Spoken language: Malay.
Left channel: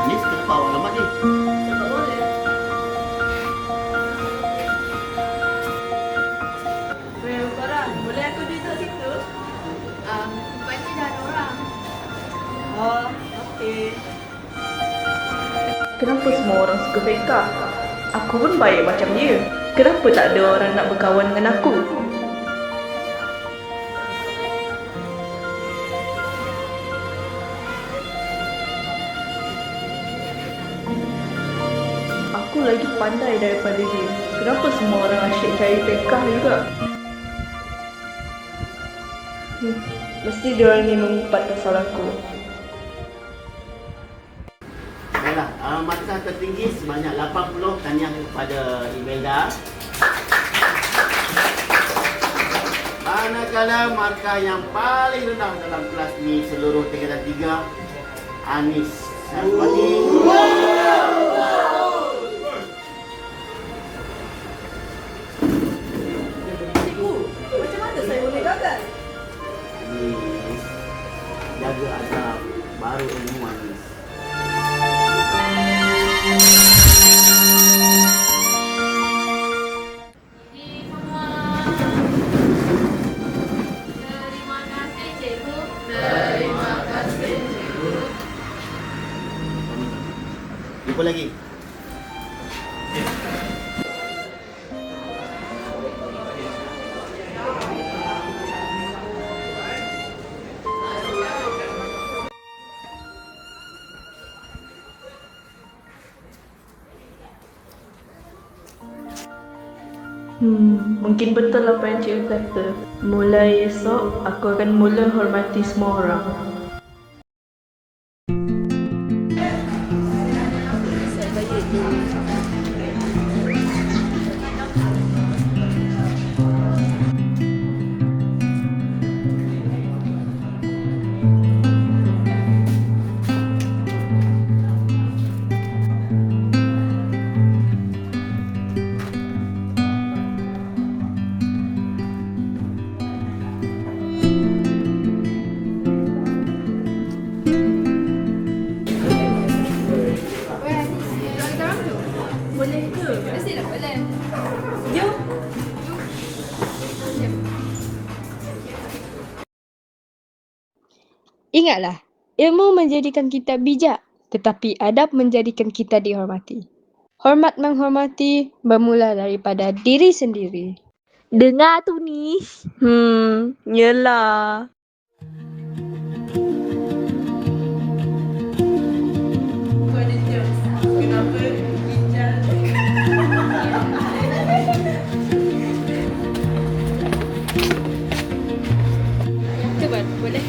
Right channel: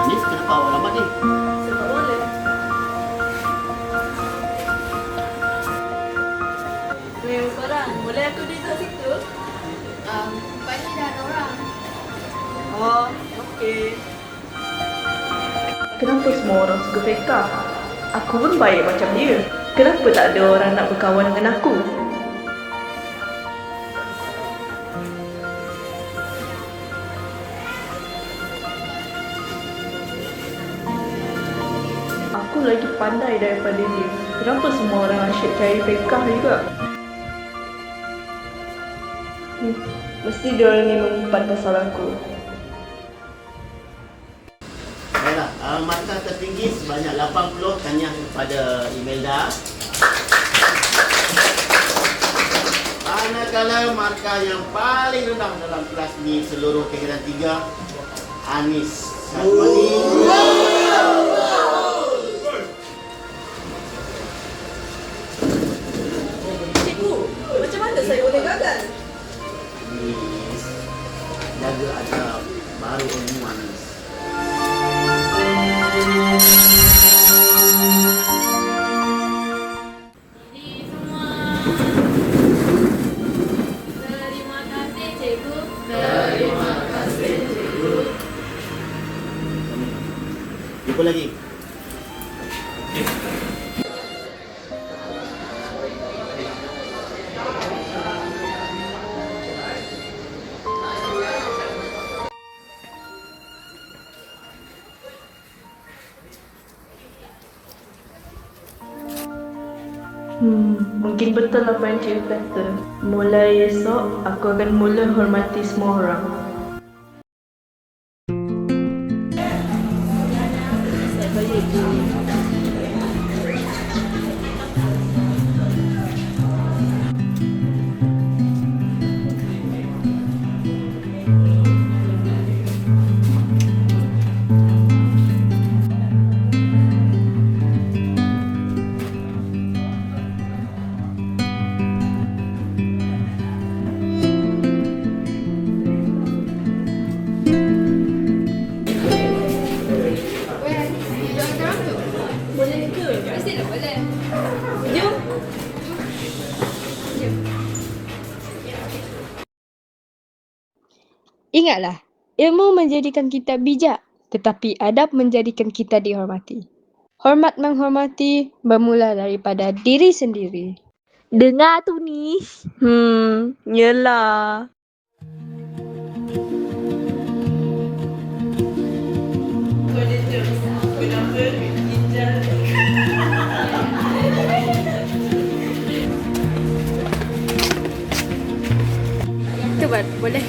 Anis, kenapa awak lambat ni? Sebab boleh. Weh, korang, boleh aku duduk situ? Rupanya dah ada orang. Oh, okey. Kenapa semua orang suka Feka? Aku pun baik macam dia. Kenapa tak ada orang nak berkawan dengan aku? Aku lagi pandai daripada dia. Kenapa semua orang asyik cari Feka juga? Mesti diorang ni mengumpat pasal aku. Baiklah, markah tertinggi sebanyak 80 tahniah kepada Imelda. Manakala markah yang paling rendah dalam kelas ni seluruh tingkatan 3, Anis Syazwani. Cikgu, macam mana saya boleh gagal? Anis, jaga adab, baru ilmu Anis. Jadi semua. Terima kasih cikgu. Terima kasih, cikgu. Jumpa lagi. Mungkin betul apa yang cikgu kata. Mulai esok, aku akan mula hormati semua orang. Weh, Anis, duduk kita orang tu. Boleh ni ke? Mestilah boleh. Jom. Ingatlah, ilmu menjadikan kita bijak, tetapi adab menjadikan kita dihormati. Hormat menghormati bermula daripada diri sendiri. Dengar tu ni. Yelah. Kenapa ginjal? Tu boleh.